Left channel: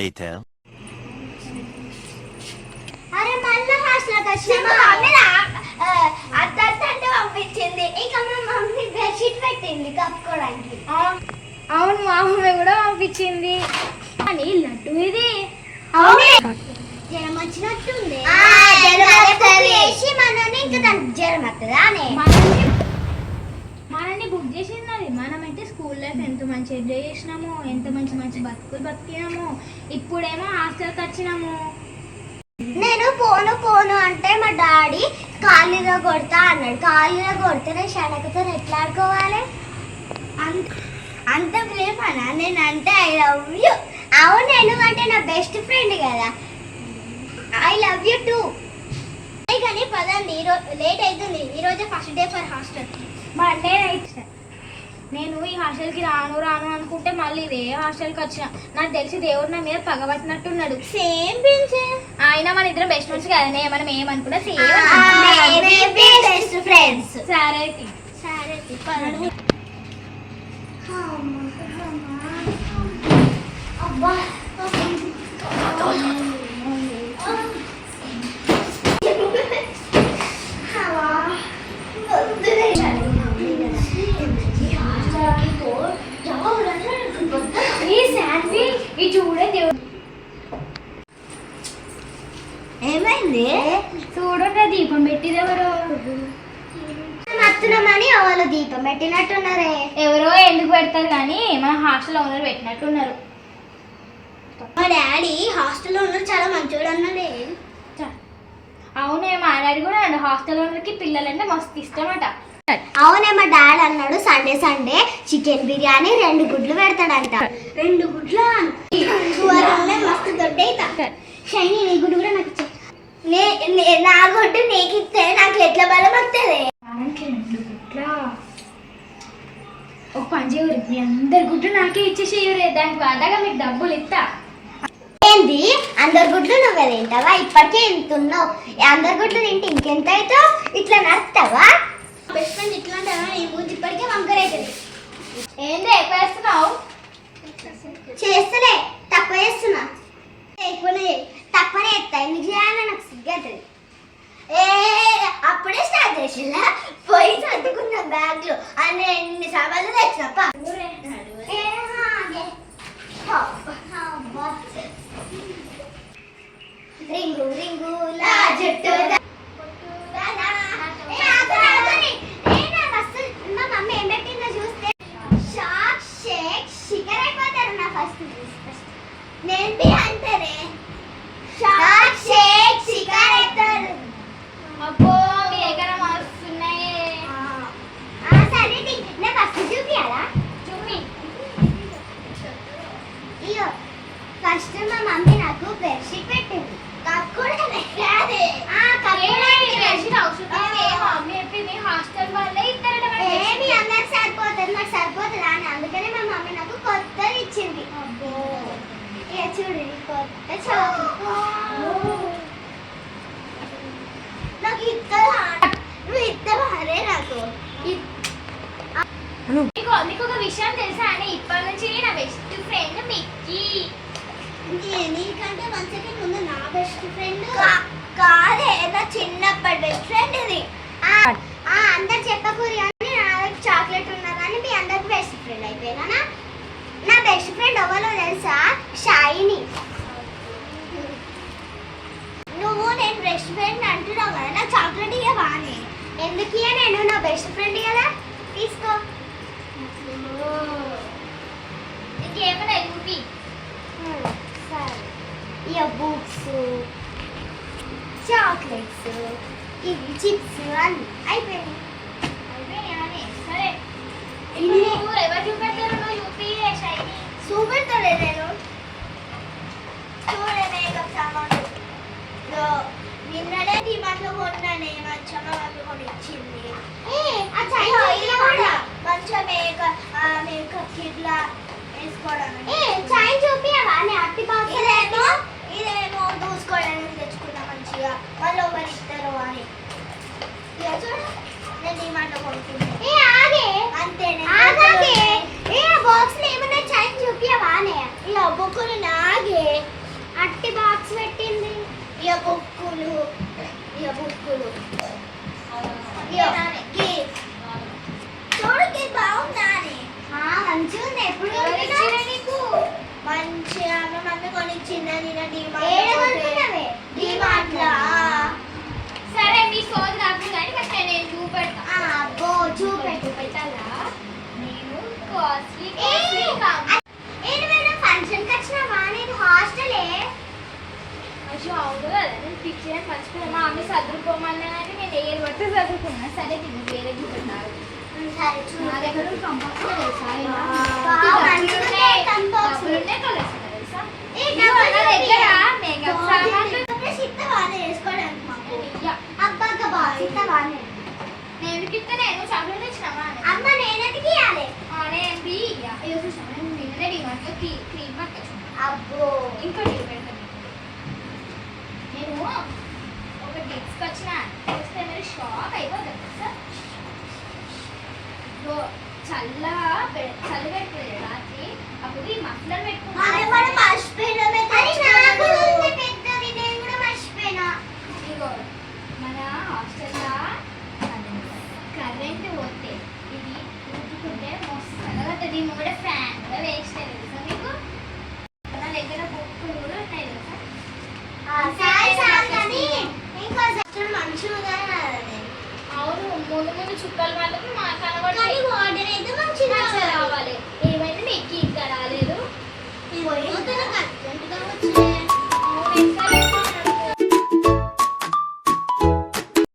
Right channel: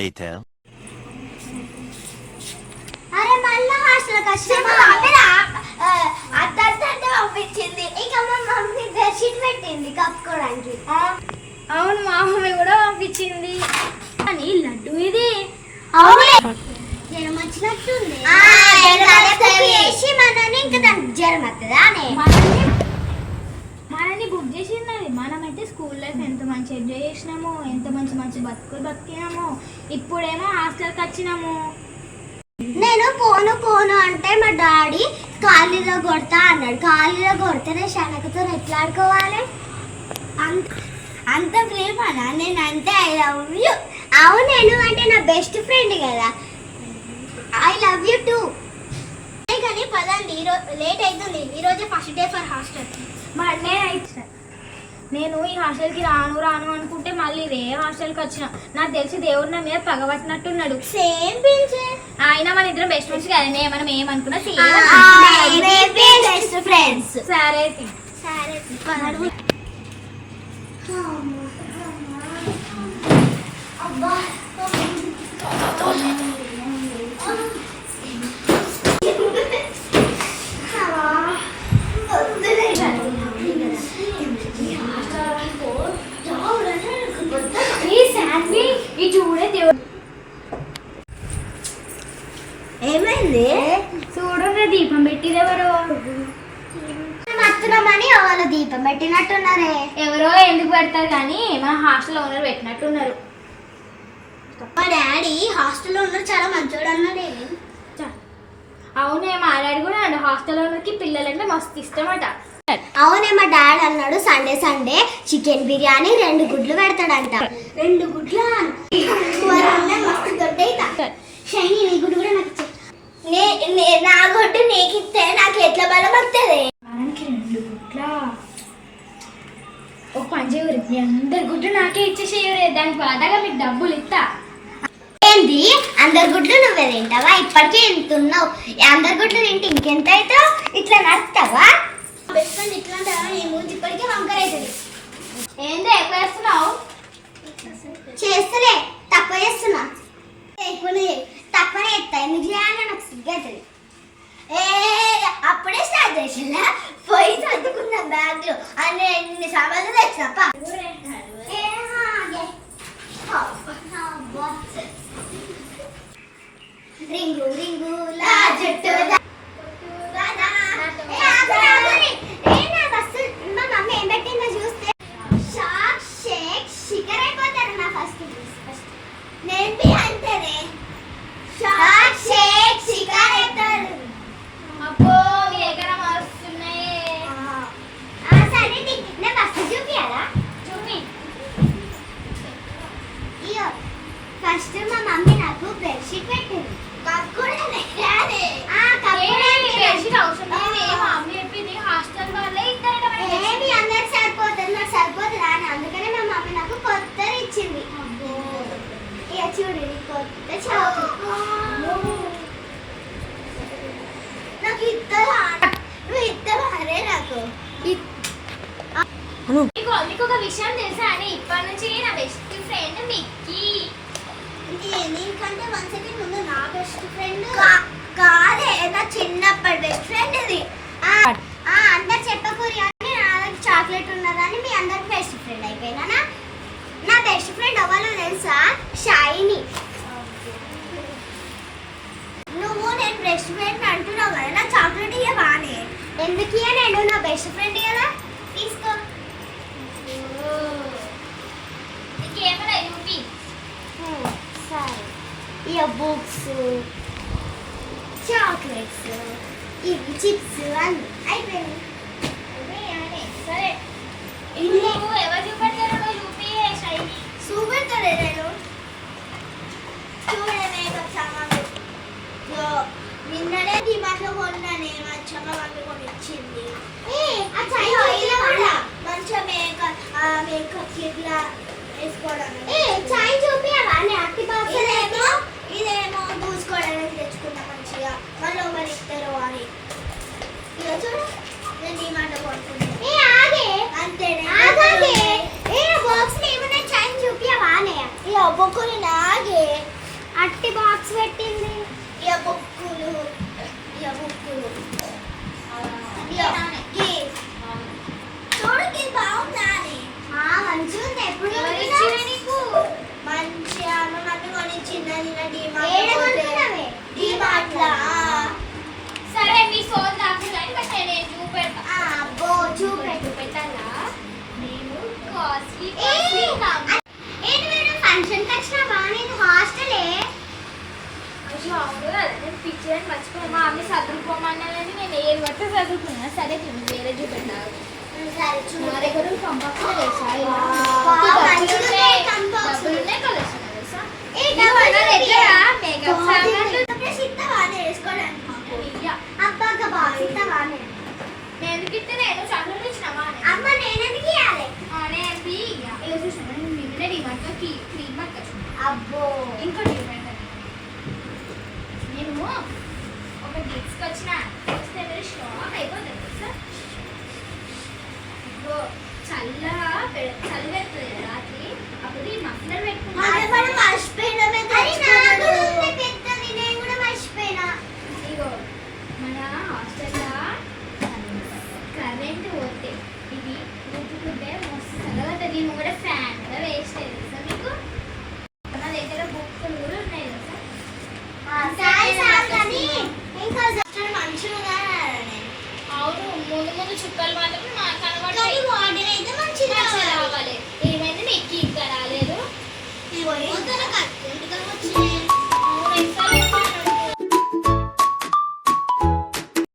later. అరే మళ్ళీ హాస్టల్కి వచ్చిన అత్తంటే పంపించింది. ఇక మా మమ్మీ బెడ్షీట్ పెట్టింది కప్పుకోవడానికి. అవును మా మమ్మీ కూడా పంపించింది. అని లడ్డు ఇది జ్వరం వచ్చినట్టుంది. మనని ఇంకా దానికి జ్వరం వస్తుందా మనని బుక్ చేసినది. మనమైతే స్కూల్ లైఫ్ ఎంత మంచి ఎంజాయ్ చేసినాము, ఎంత మంచి మంచి బతుకులు బతికినాము. ఇప్పుడేమో హాస్టల్కి వచ్చినాము. నేను పోను పోను అంటే మా డాడీ ఖాళీలో కొడతా అన్నాడు. ఖాళీలో కొడితే నేను శనకతో ఎట్లా ఆడుకోవాలి? అంత ప్రేమనా నేను అంటే ఐ లవ్ యూ. అవును నేను అంటే నా బెస్ట్ ఫ్రెండ్ కదా. I love you two. కానీ పదండి, లేట్ అవుతుంది. ఈరోజే ఫస్ట్ డే ఫర్ హాస్టల్. నేను ఈ హాస్టల్కి రాను రాను అనుకుంటే మళ్ళీ ఇదే హాస్టల్కి వచ్చిన. నాకు తెలిసి దేవుడు నా మీద పగబట్టినట్టున్నాడు. సేమ్ పించే అయినా మన ఇద్దరం బెస్ట్ ఫ్రెండ్స్ కదనే. మనం ఏమనుకున్నా బెస్ట్ ఫ్రెండ్స్. సరే సరే అబ్బా ఏమైంది? చూడండి దీపం పెట్టిది ఎవరు? మత్తునమని వాళ్ళు దీపం పెట్టినట్టున్నారే. ఎవరో ఎందుకు పెడతారు కానీ మన హాస్టల్ ఓనర్ పెట్టినట్టున్నారు. మా డాడీ హాస్టల్లో ఉన్న చాలా మంచోడు అన్నాడే. అవునే మా డాడీ కూడా అండి హాస్టల్ ఓనర్కి పిల్లలంటే మస్తు ఇష్టమట. అవునే మా డాడీ అన్నాడు సండే సండే చికెన్ బిర్యానీ 2 గుడ్లు పెడతాడంట. 2 గుడ్లు మస్తు దొడ్డ షైనీ. నీ గుడ్డు కూడా నాకు ఇచ్చే. నా గుడ్డు నీకు ఇస్తే నాకు ఎట్లా బలం వస్తుంది? 2 గుడ్ల ఒక పని చేయరు, మీ అందరి గుడ్డు నాకే ఇచ్చేసేయరు. దానికి వాదాగా మీకు డబ్బులు ఇస్తా. ఏంది అందరి గుడ్లు నువ్వే తింటావా? ఇప్పటికే ఎంత ఉన్నావు. అందరి గుడ్లు తింటే ఇంకెంత అవుతావు? ఇట్లా నడుస్తావా? బెస్ట్ ఫ్రెండ్ ఇట్లా ఉంటావా? నీ ముందు ఇప్పటికే వంకర అవుతుంది. ఏందో ఎక్కువ చేస్తున్నావు? చేస్తలే, తక్కువ చేస్తున్నా. తక్కువనే ఎత్తా. ఎందుకు చేయాలని నాకు సిగ్గవుతుంది. అప్పుడే స్టార్ట్ చేసిందా? పోయి చదువుకున్నా బ్యాగ్లో అన్ని సామాన్లు తెచ్చినప్ప. రింగు రింగు లా జట్టు మా మమ్మీ ఏం పెట్టిందో చూస్తే షాక్ షేక్ షికర్ అయిపోతారు. నా ఫస్ట్ నేను అంతేనే షాక్ షేక్ షికర్ అవుతారు. అబ్బో మీ దగ్గర మస్తున్నాయి. సరే నేను ఫస్ట్ చూపియాలా? చూపి. ఇయో ఫస్ట్ మా మమ్మీ నాకు బెడ్షీట్ పెట్టింది. హాస్టల్ వాళ్ళే ఇస్తారట. అందరికి సరిపోతుంది, నాకు సరిపోతుంది అని అందుకనే మా మమ్మీ నాకు కొత్తది ఇచ్చింది. ఇక చూడు కొత్త నాకు ఇద్దరే నాకు. నీకు ఒక విషయం తెలుసా అని? ఇప్పటి నుంచి నా బెస్ట్ ఫ్రెండ్ మిక్కీ. నీకంటే 1 సెకండ్ ముందు నా బెస్ట్ ఫ్రెండ్ కాదే, నా చిన్నప్పటి బెస్ట్ ఫ్రెండ్ ఇది. అందరు చెప్పకూరి అని నా దగ్గర చాక్లెట్ ఉన్నదని మీ అందరికి బెస్ట్ ఫ్రెండ్ అయిపోయినా. నా బెస్ట్ ఫ్రెండ్ ఎవరో తెలుసా? షైనీ. నువ్వు నేను బెస్ట్ ఫ్రెండ్ అంటున్నావు కదా, నా చాక్లెట్ ఇక బానే. ఎందుకు ఇక నేను నా బెస్ట్ ఫ్రెండ్ కదా, తీసుకో. ఇంకేమన్నా చూపి. సరే ఇక బుక్స్, చాక్లెట్స్, ఇవి చిప్స్ అన్ని అయిపోయినాయి. సరే ఇన్ని ఎవరు చూపెడతారో నువ్వు చూపి. షైనీ చూపెడతాడే నేను. చూడే మేకప్ సామాన్లు నిన్ననే డిమార్ట్లో కొన్నానే. మంచిగా మా మమ్మీ కొని ఇచ్చింది. మంచిగా మేకప్ ఇట్లా వేసుకోవడానికి. చాయ్ చూపియవా? అట్టి బాక్స్ ఇదేమో దూసుకోవడానికి తెచ్చుకున్నా మంచిగా. మళ్ళీ ఒకరు ఇస్తారు అని. ఇక చూడు నేను డిమార్ట్లో కొనుక్కున్నా. అంతేనే బాక్స్ ఏమన్నా చాయ్ చూపియవా? ఇక బొక్కులు నాగే మట్టి బాక్స్ పెట్టింది. ఇక బుక్కులు చూడకి బాగుందా అని. మంచిగా ఉంది. ఎప్పుడు ఎవరిచ్చిర్రు నీకు? మంచిగా అమ్మ మమ్మీ కొనిచ్చింది. డిమార్ట్లా. సరే మీ సోది నాకు కానీ బట్ నేను చూపెడతా. అబ్బో చూపెట్టు. పెట్టాలా? నేను కాస్ట్లీ ఏంటి మీరు ఫంక్షన్కి వచ్చినావా? నేను హాస్టలే. అయ్యో అవును కదా, నేను పిక్చర్ మర్చిపోయాను. మా అమ్మ చదువుకోమన్నా కానీ నేను ఏది పడితే చదువుకున్నా. సరే నేను వేరే చూపెట్టాను. సరే నా దగ్గర కంపల్సరీ తెలుసా? డబ్బులున్నాయి కలెక్షన్ తెలుసా? నా దగ్గర మేకప్ సామాన్లు నేను ఎందుకు ఇస్తే నేను చదువులు ఇచ్చినావా? అనేది ఇక చూసాను నేను నిన్న డిమార్ట్లో క్రీమ్ పట్టుకొచ్చాను. అబ్బో ఇంకో డిమార్ట్ నేను ఒక డిస్క్ వచ్చిన వస్తే మరి షాక్ అయిపోతుంది తెలుసా? చలి పెడుతుంది రాత్రి, అప్పుడు ఈ మఫ్లర్ పెట్టుకున్నాను. ఇగో మన హాస్టల్లో కరెంట్ పోతే ఇది ఊపుకుంటే మస్తు తర్వాత దీని కూడా ఫ్యాన్ కూడా వేస్ట్ తెలుసా మీకు? మన దగ్గర బుక్కులు కూడా ఉన్నాయి తెలుసా? అవును, ముందు ముందు చుక్కలు మాత్రం కనబడాలి. ఏమైంది నీకు ఇంకా రాలేదు?